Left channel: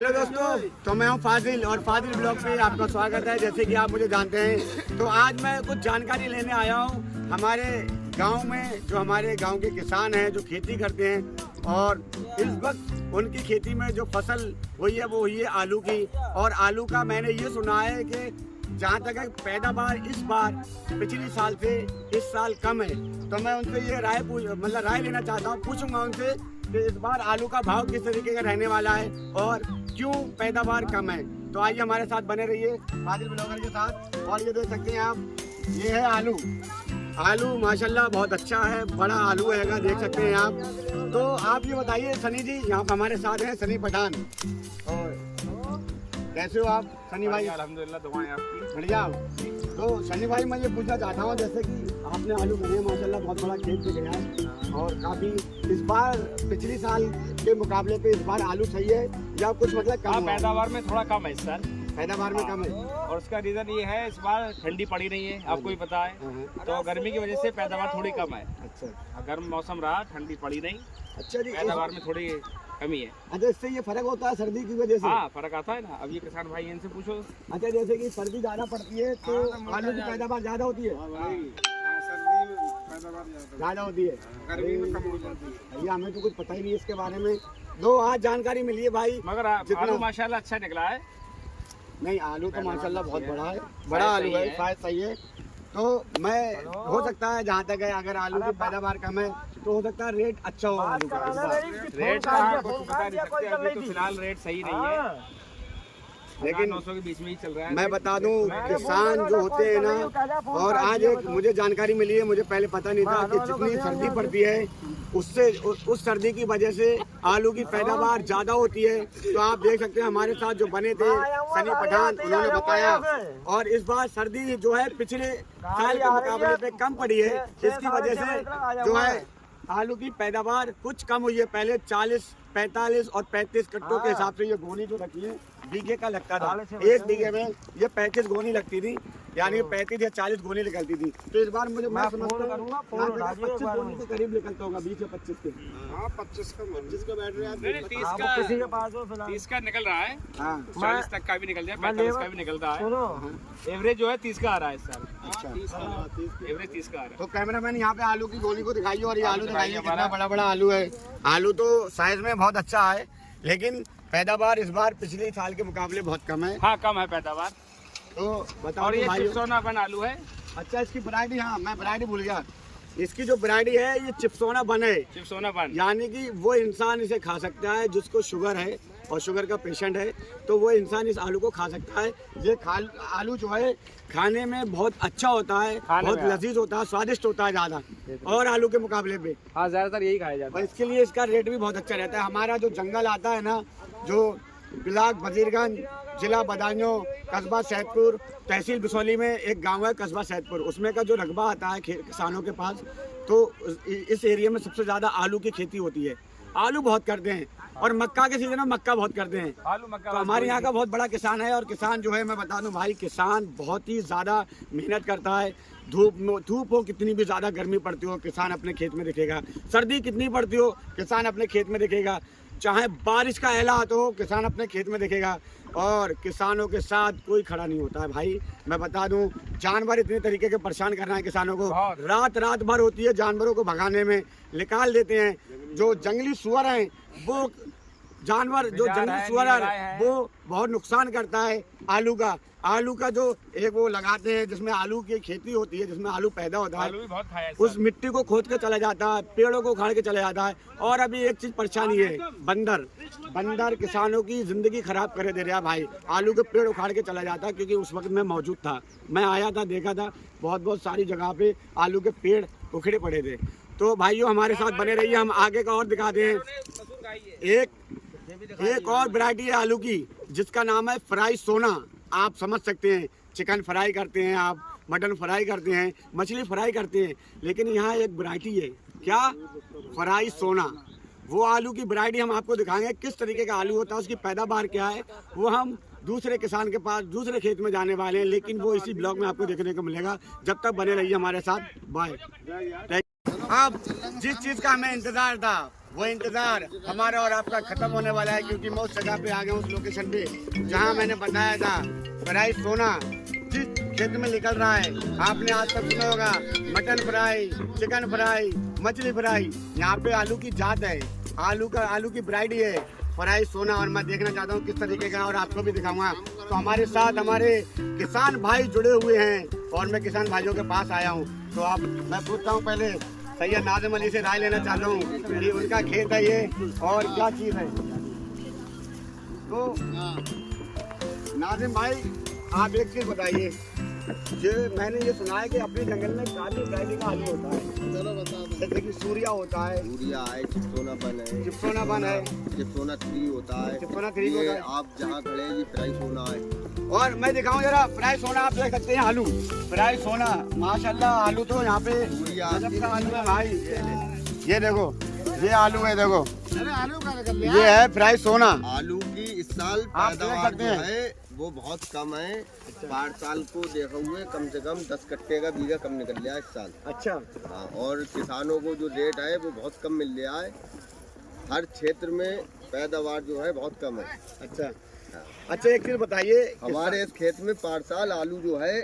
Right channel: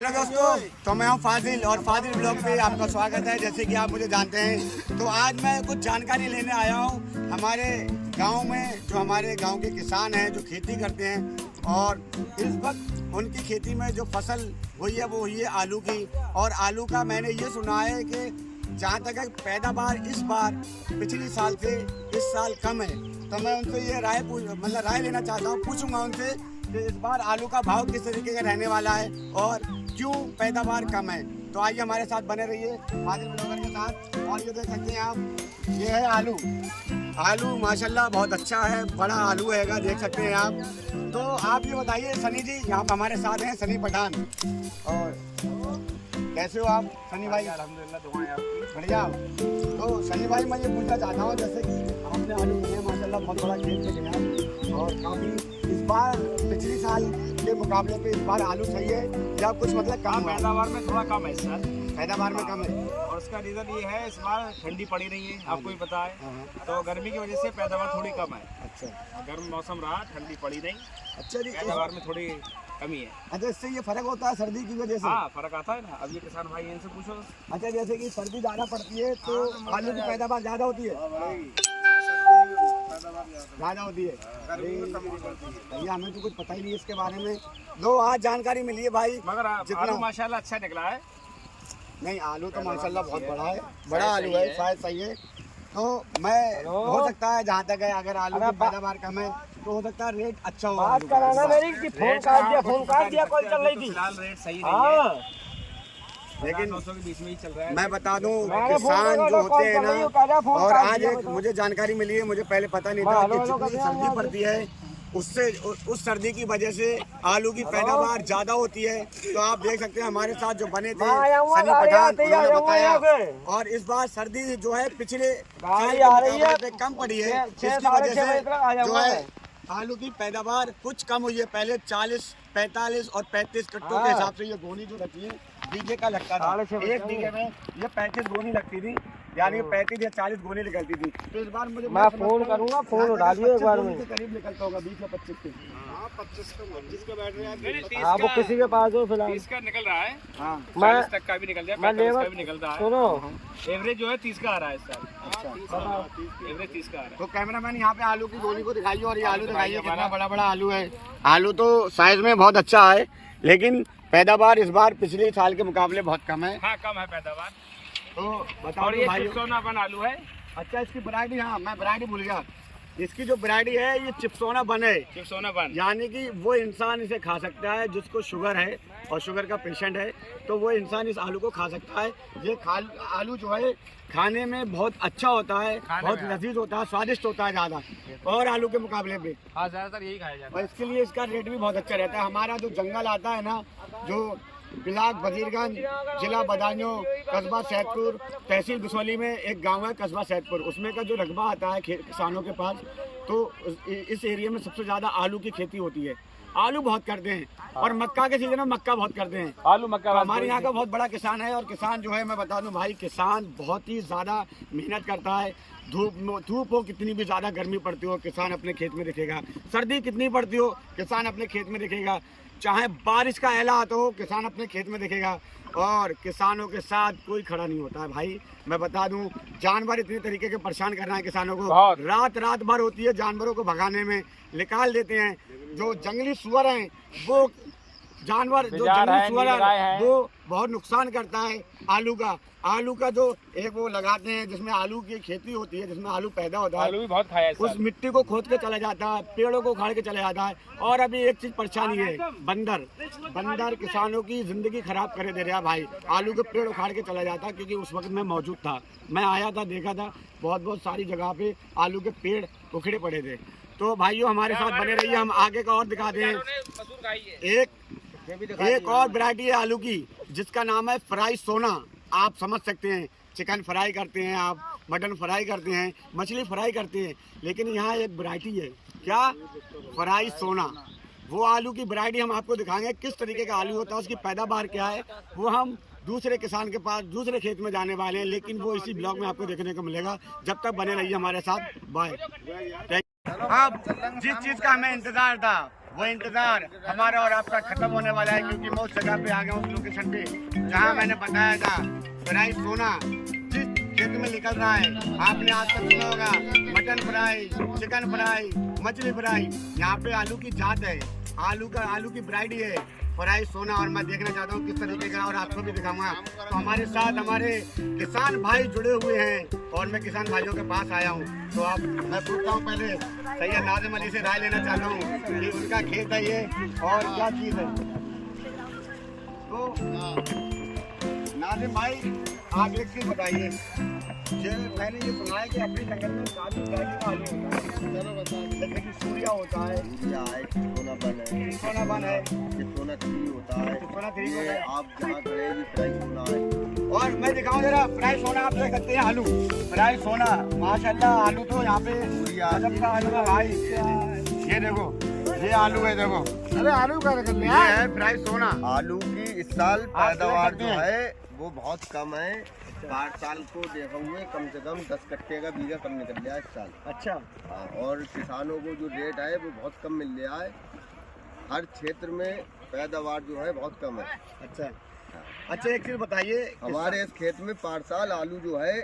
Hello दोस्तों, तो मैं हूं फाजिल और फाजिल ब्लॉग पे आपका स्वागत है। जैसे कि आप मुझे जानते हैं, तो आज मैं कुछ जानकारी लेने आया हूं हमारे गांव में। जो हमारे गांव के किसान हैं जो खेती करते हैं, और इस वक्त उनकी खेती में जो फसल हुई है वो हुई है आलू की। और आलू का मैंने ये सुना है कि जहाँ तक है पैदावार इस बार पिछले साल से इस साल कम है। तो मैं उनसे ये राय लेना चाहता हूँ, पूछूंगा उनसे कि इस बार आलू का भाव किस तरीके का रहने वाला है और क्यों पैदावार कम है। तो आइए हमारे साथ बने रहिए फाजिल ब्लॉगर के साथ। और ये देख सकते हैं आप, ये है आलू माशाल्लाह बहुत अच्छा है, बड़ा आलू हैगा, देख सकते हैं आप। तो आप ये बताइए सनी जी, यहाँ पर हमारे साथ हैं सनी पठान। और कैसे हो आप सनी भाई? अल्हम्दुलिल्लाह, दुआएं आपकी। बढ़िया। तो सनी भाई मैं ये पूछना चाहता हूँ, जैसे कि आपने आलू लिए माशाल्लाह बहुत बड़ा खेत पे गया है, और काफ़ी इस बार पिछले साल के मुकाबले पे इस बार आलू सही है या कुछ मतलब कम? पैदावार में थोड़ा कम है इस साल। पैदावार में कम है, और उसका रीजन ये है इस बार ठंडी पड़ी रही है, आपको भी पता है। तो गर्मी की वजह से पैदावार थोड़ी कम है। अच्छा, गर्म मौसम रहा, ठंडी पड़ी नहीं, अच्छा जी। पैदावार में थोड़ी कमी है। अच्छा, इससे ये फर्क होता है सर्दी की वजह से? हाँ, फर्क आता है ना। अब ये किसान भाई इनसे पूछो। अच्छा, जैसे कि सर्दी ज़्यादा पड़ती है तो आलू की पैदावार ज़्यादा होती है? ज़्यादा होती है, भैया हमें तो कुछ पता ही नहीं इसके बारे में। दो आज जानकारी मिली है भाई, मगर आलू माशाल्लाह अच्छा निकला है। नहीं, आलू तो माशाल्लाह बहुत बड़ा है, बड़ा आलू है, शायद सही है। तो मैं हो सकता है जहाँ तक है, अगर आलू की पैदावार कम है तो हो सकता है रेट अच्छा हो आलू का। रेट तो फिलहाल रेट सही नहीं है, लेकिन 900 के बीच में ही चल रहा है। मैं बता दूं, किसान जो होते हैं ना, और आज एक मुझे जानकारी मिली है, मुझे पहले पता नहीं था कि जितनी सर्दी पड़ती है उससे उस सर्दी की वजह से आलू की पैदावार ज़्यादा होती है। तो आप देख सकते हैं हमारे साथ जो बने थे सनी पठान, उन्होंने बताया। और इस बार सर्दी जो है पिछले साल के मुकाबले पे कम पड़ी है, जिसकी वजह से जो है आलू की पैदावार कुछ कम हुई है। पहले 40, 45 और 35 कट्टों के हिसाब से ये गोनी जो रखी है बीघे का लगता था। एक बीघे में ये 35 गोनी लगती थी, यानी 35 या 40 गोनी निकलती थी। तो इस बार मुझे मैं फोन करूंगा, फोन उठा दिए, 25 गोनी के करीब निकलता होगा, 20 या 25 के। हाँ, 25 का बैठ रहा है, 30 आपको किसी के पास हो फिलहाल? 30 का निकल रहा है। हाँ, 40 तक का भी निकल जाए, 45 का भी निकल रहा है। सुनो, एवरेज जो है 30 का आ रहा है इस साल। अच्छा, एवरेज 30 का आ रहा है। तो कैमरामैन यहाँ पे आलू की गोनी को दिखाइए, और ये आलू दिखाइए कितना बड़ा बड़ा आलू है। आलू तो साइज में बहुत अच्छा है, लेकिन पैदावार इस बार पिछले साल के मुकाबले बहुत कम है। हाँ, कम है पैदावार। तो बताओ और ये भाई, चिप्सोनापन आलू है। अच्छा, इसकी वैरायटी, हाँ मैं वैरायटी भूल गया, इसकी जो वैरायटी है ये चिप्सोना बन है। चिप्सोनापन यानी कि वो इंसान इसे खा सकता है जिसको शुगर है और शुगर का पेशेंट है, तो वो इंसान इस आलू को खा सकता है। ये आलू जो है खाने में बहुत अच्छा होता है, बहुत लजीज होता है, स्वादिष्ट होता है ज़्यादा, और आलू के मुकाबले पे। हाँ, ज्यादातर यही खाया जाता और इसके लिए इसका रेट भी बहुत अच्छा रहता है। हमारा जो जंगल आता है ना, जो ब्लाक वजीरगंज, जिला बदायूं, कस्बा सैदपुर, तहसील बिसौली में एक गांव है कस्बा सैदपुर, उसमें का जो रकबा आता है किसानों के पास, तो इस एरिया में सबसे ज़्यादा आलू की खेती होती है। आलू बहुत करते हैं, और मक्का के सीजन में मक्का बहुत करते हैं। आलू मक्का तो हमारे यहाँ का बहुत बड़ा किसान है। और किसान जो है, मैं बता दूं भाई, किसान बहुत ही ज़्यादा मेहनत करता है। धूप हो, कितनी भी ज़्यादा गर्मी पड़ती हो, किसान अपने खेत में दिखेगा। सर्दी कितनी पड़ती हो, किसान अपने खेत में दिखेगा। चाहे बारिश का एलान हो, किसान अपने खेत में दिखेगा। और किसानों के साथ कोई खड़ा नहीं होता है भाई। मैं बता दूं, जानवर इतने तरीके के परेशान कर रहे हैं किसानों को, रात भर होती है जानवरों को भगाने में, निकाल देते हैं। जो जंगली सुअर हैं, वो जानवर जो जंगली सुअर है वो बहुत नुकसान करता है आलू का जो एक वो लगाते हैं जिसमें आलू की खेती होती है, जिसमें आलू पैदा होता है, बहुत खाया उस मिट्टी को खोद के चला जाता है, पेड़ों को उखाड़ के चला जाता है। और अभी एक चीज परेशानी है, बंदर किसानों की जिंदगी खराब करे दे रहा है भाई। आलू के पेड़ उखाड़ के चला जाता है, क्योंकि उस वक्त मैं मौजूद था, मैं आया था, देखा था, बहुत सारी जगह पे आलू के पेड़ उखड़े पड़े थे। तो भाइयों हमारे साथ बने रहिए, हम आगे का और दिखाते हैं। एक और वैरायटी है आलू की जिसका नाम है फ्राई सोना। आप समझ सकते हैं, चिकन फ्राई करते हैं, आप मटन फ्राई करते हैं, मछली फ्राई करते हैं, लेकिन यहाँ एक वैरायटी है, क्या? फ्राई सोना। वो आलू की वैरायटी हम आपको दिखाएंगे, किस तरीके का आलू होता है, उसकी पैदावार क्या है, वो हम दूसरे किसान के पास दूसरे खेत में जाने वाले हैं, लेकिन वो इसी ब्लॉग में आपको देखने को मिलेगा। जब तक बने रहिए हमारे साथ, बाय। अब जिस चीज़ का हमें इंतजार था, वो इंतजार हमारा और आपका खत्म होने वाला है, क्योंकि मैं उस जगह पे आ गया हूँ, उस लोकेशन पे जहाँ मैंने बताया था फ्राई सोना जिस खेत में निकल रहा है। आपने आज तक सुना होगा मटन फ्राई, चिकन फ्राई, मछली फ्राई। यहाँ पे आलू की जात है, आलू की वैरायटी है फ्राई सोना। और मैं देखना चाहता हूँ किस तरीके का, और आपको भी दिखाऊंगा। तो हमारे साथ हमारे किसान भाई जुड़े हुए हैं और मैं किसान भाइयों के पास आया हूँ। तो आप मैं पूछता हूँ पहले सैयद नाज़िम अली से राय लेना चाहता हूँ कि उनका खेत है ये और क्या चीज़ है। तो नाज़िम भाई आप एक चीज़ बताइए, ये मैंने ये सुना है कि अपने जंगल में काफी वैरायटी का आलू होता है। चलो बता दो। जैसे कि सूर्या होता है, सूर्या है, चिप्सोनापन है, चिप्सोनापन है, चिप्सोना 3 होता है, चिप्सोना 3 ये होता है। आप जहाँ खड़े हैं ये फ्राई सोना है। और मैं दिखाऊं जरा फ्राई सोना, आप देख सकते हैं आलू फ्राई सोना। माशाल्लाह आलू तो यहाँ पे सूर्या गजब का आलू है भाई। ये देखो ये आलू है, देखो अरे आलू का ये है फ्राई सोना। आलू की इस साल आप पैदावार देख जो सकते है वो बहुत कम है। 5 साल को देखा हुए कम से कम 10 कट्टे का बीघा कम निकल लिया इस साल। अच्छा हाँ, और किसानों को जो रेट है वो बहुत कम मिल रहा है। हर क्षेत्र में पैदावार जो है बहुत कम है। अच्छा हाँ। अच्छा एक चीज बताइए, हमारे इस खेत में 5 साल आलू जो है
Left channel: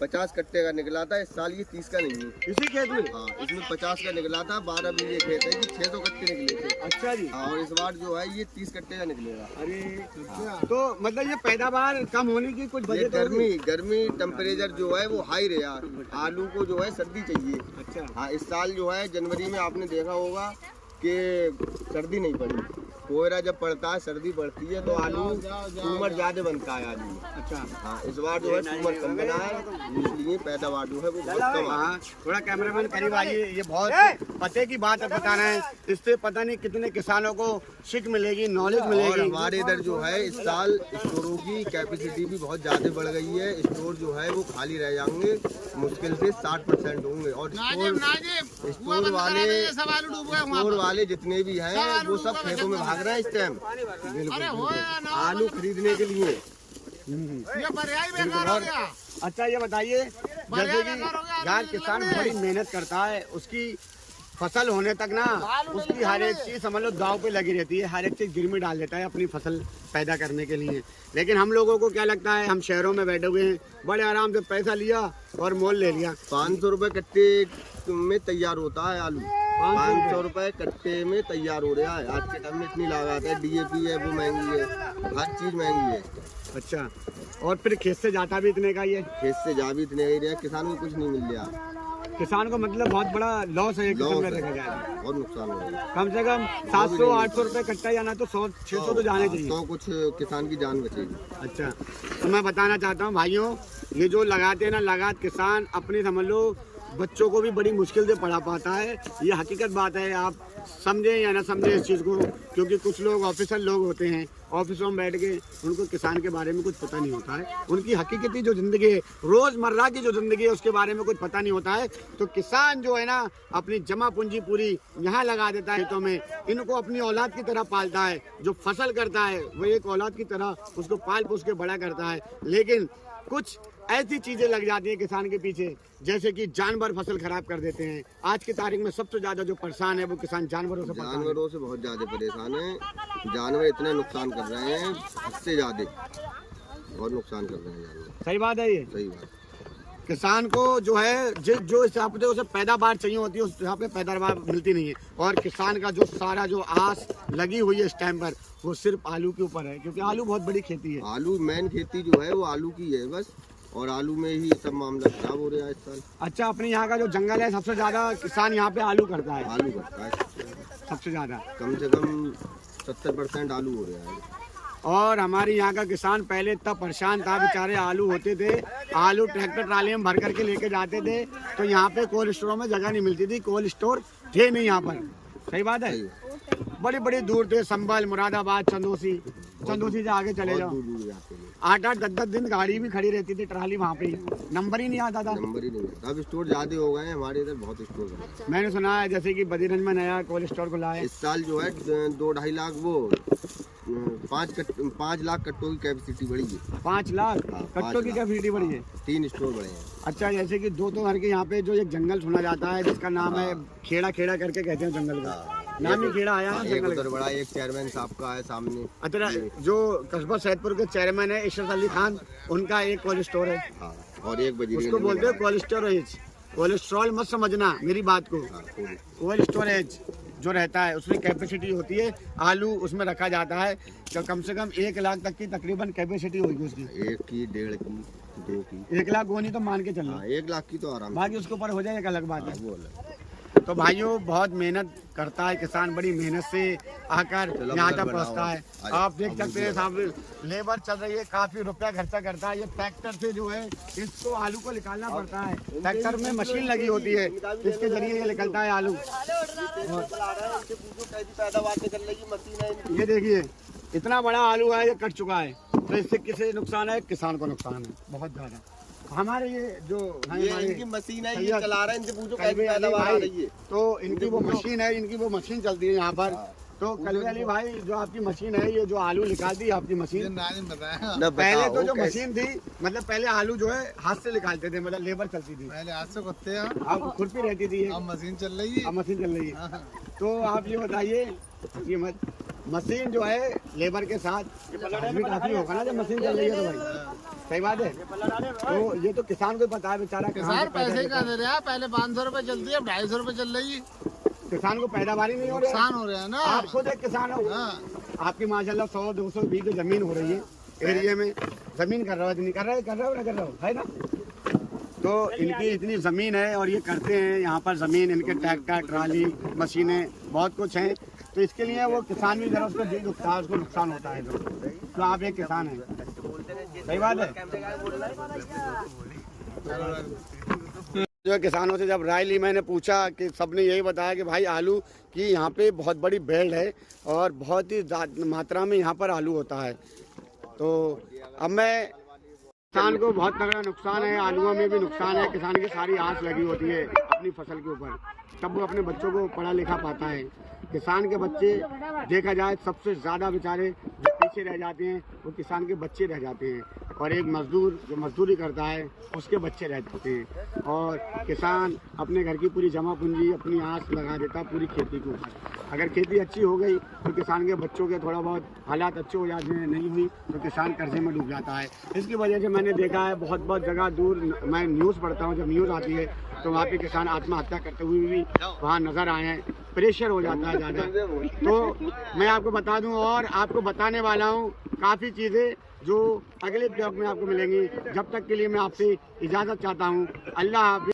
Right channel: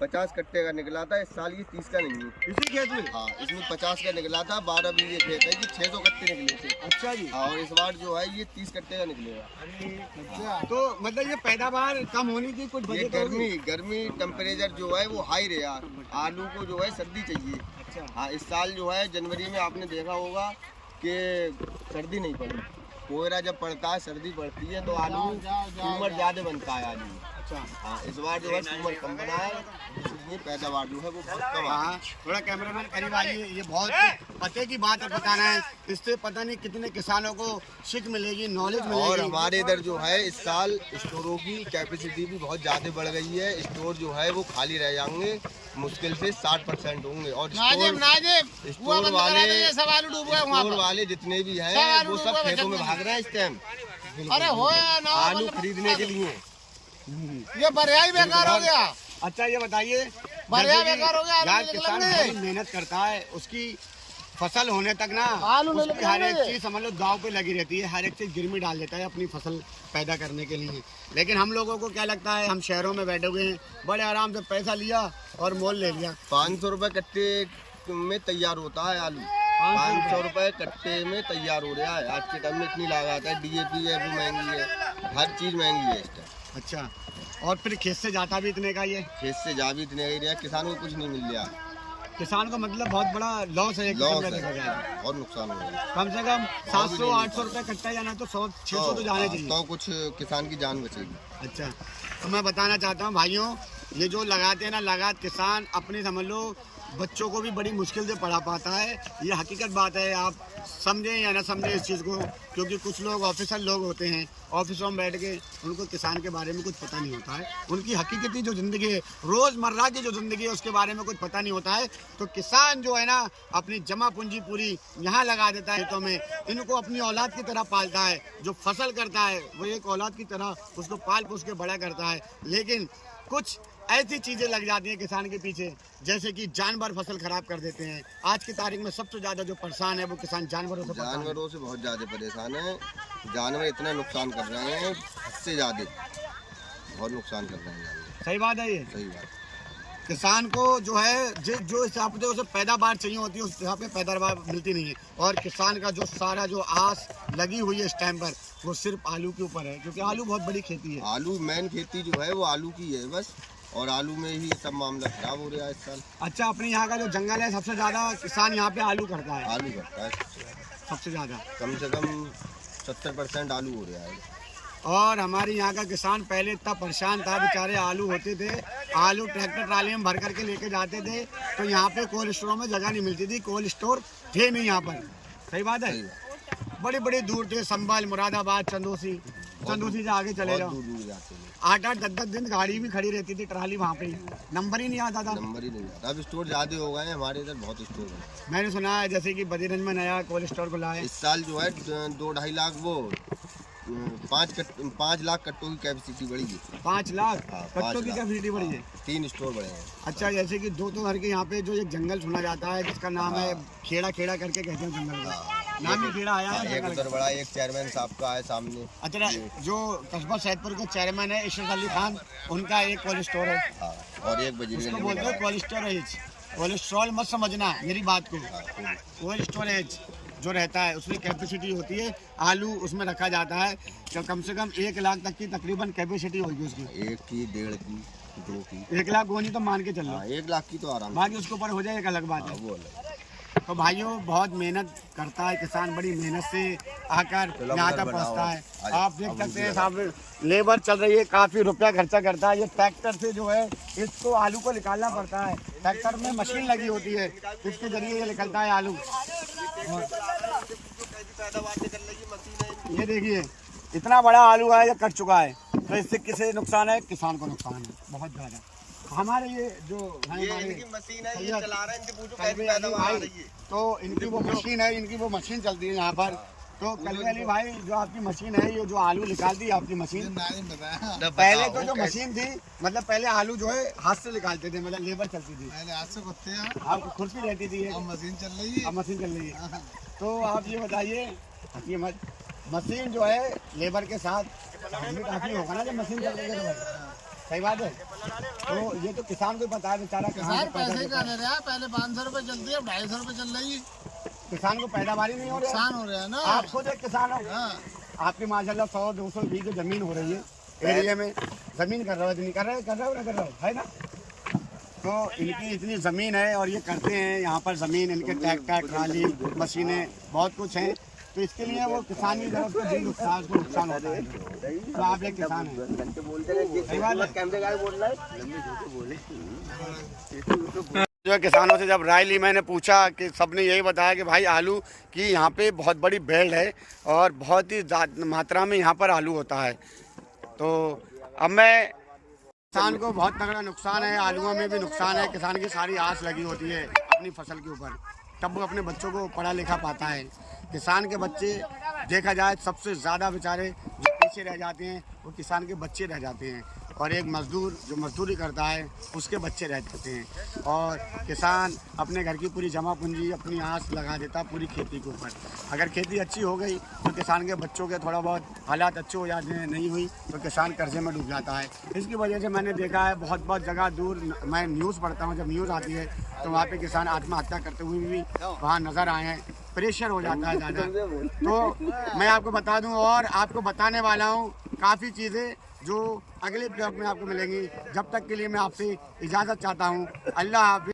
50 कट्टे का निकला था। इस साल ये 30 का नहीं है। इसी खेत में? हाँ, इसमें 50 का निकला था। 12 बीघे खेत है, ये 600 कट्टे निकले थे। अच्छा जी। हाँ, और इस बार जो है ये 30 कट्टे का निकलेगा। अरे तो मतलब ये पैदावार कम होने की कुछ ये वजह तो होगी? गर्मी टेम्परेचर जो है वो हाई रहा। आलू को जो है सर्दी चाहिए। अच्छा हाँ, इस साल जो है जनवरी में आपने देखा होगा कि सर्दी नहीं पड़ी। कोहरा जब पड़ता है सर्दी पड़ती है तो आलू सूमर ज्यादा बनता है आलू में। अच्छा हाँ, इस बार जो है सूमर कम बना है, इसलिए पैदावार जो है वो बहुत कम है। हाँ थोड़ा कैमरामैन करीब आइए। ये बहुत पते की बात है बताना है, इससे पता नहीं कितने किसानों को सीख मिलेगी, नॉलेज और मिलेगी। हमारे इधर जो है इस साल स्टोरों की कैपेसिटी भी बहुत ज़्यादा बढ़ गई है। स्टोर जो है वो खाली रह जाएंगे, मुश्किल से 60% होंगे। और स्टोर वाले जितने भी हैं वो सब खेतों में भाग रहे हैं इस टाइम आलू खरीदने के लिए। ये बरियाई बेकार हो गया। अच्छा ये बताइए, जैसे कि यार किसान बड़ी मेहनत करता है, उसकी फसल होने तक ना उसकी हर एक चीज समझ लो दाव पे लगी रहती है, हर एक चीज गिरमी डाल देता है अपनी फसल पैदा करने के लिए। लेकिन हम लोगों को क्या लगता है, हम शहरों में बैठे हुए हैं, बड़े आराम से पैसा लिया और मोल ले लिया। 500 रुपए कट्टे में तैयार होता है आलू। 500 रुपए कट्टे में तैयार हो रहा है। आज के टाइम में इतनी लागत है, DAP है वो महंगी है, हर चीज महंगी है इस टाइम। अच्छा और फिर खेत से जाता भी इतने का, ये खेत से जा भी इतने ही रहा, किसानों को कुछ नहीं मिल रहा। किसान को मतलब बहुत बड़ा लॉस है, एक किस्म लॉस का है, देखा जाए और नुकसान हो रहा है। कम से कम 700-800 रुपए कट्टा जाना तो 100-600 तो जाने चाहिए। तो कुछ किसान की जान बचेगी। अच्छा तो मैं बताना चाहता हूँ भाइयों, ये जो लगाते हैं ना लगात किसान अपनी समझ लो बच्चों को भी बड़ी मुश्किल से पढ़ा पाता है। ये हकीकत बात है, आप समझें या ना समझें इस चीज़ को, क्योंकि कुछ लोग ऑफिसर लोग होते हैं, ऑफिसों में बैठ के उनको किसान के बारे में कुछ पता नहीं होता है, उनकी हकीकती जो ज़िंदगी है, रोज़मर्रा की जो ज़िंदगी है उसके बारे में कुछ पता नहीं होता है। तो किसान जो है ना अपनी जमा पूंजी पूरी यहाँ लगा देता है खेतों में, इनको अपनी औलाद की तरह पालता है। जो फसल करता है वो एक औलाद की तरह उसको पाल पोस के बड़ा करता है। लेकिन कुछ ऐसी चीज़ें लग जाती हैं किसान के पीछे, जैसे कि जानवर फसल खराब कर देते हैं। आज की तारीख में सबसे ज़्यादा जो परेशान है वो किसान जानवरों से परेशान है। जानवरों से बहुत ज़्यादा परेशान है। जानवर इतना नुकसान कर रहे हैं, हद से ज़्यादा बहुत नुकसान कर रहे हैं जानवर। सही बात है ये। सही बात। किसान को जो है जो हिसाब से उसे पैदावार चाहिए होती है उस हिसाब से पैदावार मिलती नहीं है। और किसान का जो सारा जो आस लगी हुई है इस टाइम पर वो सिर्फ आलू के ऊपर है, क्योंकि आलू बहुत बड़ी खेती है। आलू मेन खेती जो है वो आलू की है बस, और आलू में ही सब मामला खराब हो रहा है इस साल। अच्छा अपने यहाँ का जो जंगल है सबसे ज़्यादा किसान यहाँ पे आलू करता है, आलू करता है सबसे ज़्यादा, कम से कम 70% आलू हो रहा है। और हमारे यहाँ का किसान पहले इतना परेशान था, बेचारे आलू होते थे, आलू ट्रैक्टर ट्राली में भर करके लेके जाते थे, तो यहाँ पे कोल्ड स्टोरों में जगह नहीं मिलती थी, कोल्ड स्टोर थे नहीं यहाँ पर। सही बात है। बड़े बड़े दूर थे, संभल, मुरादाबाद, चंदोसी से आगे चले जाओ, दूर जाते हैं। 8-8 10-10 दिन गाड़ी भी खड़ी रहती थी, ट्राली वहाँ पे, नंबर ही नहीं आता था। नंबर ही नहीं आता। अब स्टोर ज़्यादा हो गए हैं हमारे इधर, बहुत स्टोर बने। मैंने सुना है जैसे कि बदीरगंज में नया कोल्ड स्टोर खुला है। इस साल जो है 2-2.5 लाख वो 5 लाख कट्टों की कैपेसिटी बढ़ी है। 5 लाख हाँ, कट्टों की कैपेसिटी बढ़ी है। 3 स्टोर बढ़े हैं। अच्छा जैसे कि 2 घर के यहाँ पे जो एक जंगल सुना जाता है जिसका नाम है खेड़ा करके कहते हैं जंगल को, नामी कीड़ा आया हाँ, है एक उधर बड़ा, एक चेयरमैन साहब का है सामने। अच्छा, जो कस्बा सैदपुर के चेयरमैन है इशरत अली खान, उनका एक कोल्ड स्टोर है। हाँ, और एक बजी उसको बोलते हैं कोल्ड स्टोरेज। कोलेस्ट्रॉल मत समझना मेरी बात को, कोल्ड स्टोरेज जो रहता है उसमें कैपेसिटी होती है, आलू उसमें रखा जाता है तो कम से कम 1 लाख तक की तकरीबन कैपेसिटी होगी उसकी। 1 की, 1.5 की, 2 की। 1 लाख वो नहीं तो मान के चलो। 1 लाख की तो आराम। बाकी उसके ऊपर हो जाए एक अलग बात है। वो अलग। तो भाइयों बहुत मेहनत करता है किसान, बड़ी मेहनत से आकर यहाँ तक पहुँचता है। आप देख सकते हैं साहब, लेबर चल रही है, काफ़ी रुपया खर्चा करता है। ये ट्रैक्टर से जो है इसको आलू को निकालना पड़ता है। ट्रैक्टर में मशीन लगी होती है, इसके जरिए ये निकलता है आलू। ये देखिए इतना बड़ा आलू है, ये कट चुका है, तो इससे किसे नुकसान है? किसान को नुकसान है बहुत ज़्यादा। हमारे ये जो हमारे इनकी मशीन है, ये चला रहा है, इनके पूछो कैसे कलवे अली पैदावार भाई, हो रही है। तो इनकी वो मशीन है, इनकी वो मशीन चलती है यहाँ पर। तो कलवे अली भाई जो आपकी मशीन है, ये जो आलू निकालती है आपकी मशीन, पहले तो जो मशीन थी मतलब पहले आलू जो है हाथ से निकालते थे, मतलब लेबर चलती थी, पहले हाथ से करते हैं, आपको खुरपी रहती थी, अब मशीन चल रही है। अब मशीन चल रही है। तो आप ये बताइए, ये मशीन जो है लेबर के साथ चार्ज भी काफी होगा ना जब मशीन चल रही है तो भाई, सही बात है। तो ये तो किसान को पता है बेचारा कहाँ से पैदा पैसे लेता का है। दे रहा है, पहले 500 रुपए चलती है, अब 250 रुपए चल रही है। किसान को पैदावारी नहीं हो रही है। नुकसान हो रहा है ना। आप खुद एक किसान हो, हाँ, आपकी माशाल्लाह 100-200 बीघे जमीन हो रही है एरिया में, जमीन कर रहा हो नहीं कर रहे हो ना कर रहे हो, है ना। तो इनकी इतनी ज़मीन है और ये करते हैं यहाँ पर ज़मीन, इनके ट्रैक्टर, ट्राली, मशीनें बहुत कुछ हैं। तो इसके लिए वो किसान भी ज़रा उसका दिल दुखता है, उसको नुकसान होता है। तो आप एक किसान हैं, सही बात है। जो किसानों से जब राय ली, मैंने पूछा कि सबने यही बताया कि भाई आलू की यहाँ पे बहुत बड़ी बेल्ट है और बहुत ही मात्रा में यहाँ पर आलू होता है। तो अब मैं, किसान को बहुत तगड़ा नुकसान है, आलूओं में भी नुकसान है। किसान की सारी आस लगी होती है अपनी फसल के ऊपर, तब वो अपने बच्चों को पढ़ा लिखा पाता है। किसान के बच्चे देखा जाए सबसे ज़्यादा बेचारे जो पीछे रह जाते हैं वो किसान के बच्चे रह जाते हैं, और एक मज़दूर जो मज़दूरी करता है उसके बच्चे रह जाते हैं। और किसान अपने घर की पूरी जमा पूंजी, अपनी आस लगा देता है पूरी खेती के ऊपर। अगर खेती अच्छी हो गई तो किसान के बच्चों के थोड़ा बहुत हालात अच्छे हो जाते हैं, नहीं हुई तो किसान कर्जे में डूब जाता है। इसकी वजह से मैंने देखा है बहुत जगह दूर, मैं न्यूज़ पढ़ता हूँ, जब न्यूज़ आती है तो वहाँ पे किसान आत्महत्या करते हुए भी वहाँ नज़र आए हैं। प्रेशर हो जाता है ज़्यादा। तो मैं आपको बता दूं और आपको बताने वाला हूँ काफ़ी चीज़ें जो अगले ब्लॉग में आपको मिलेंगी। जब तक के लिए मैं आपसे इजाज़त चाहता हूँ। अल्लाह हाफ़िज़।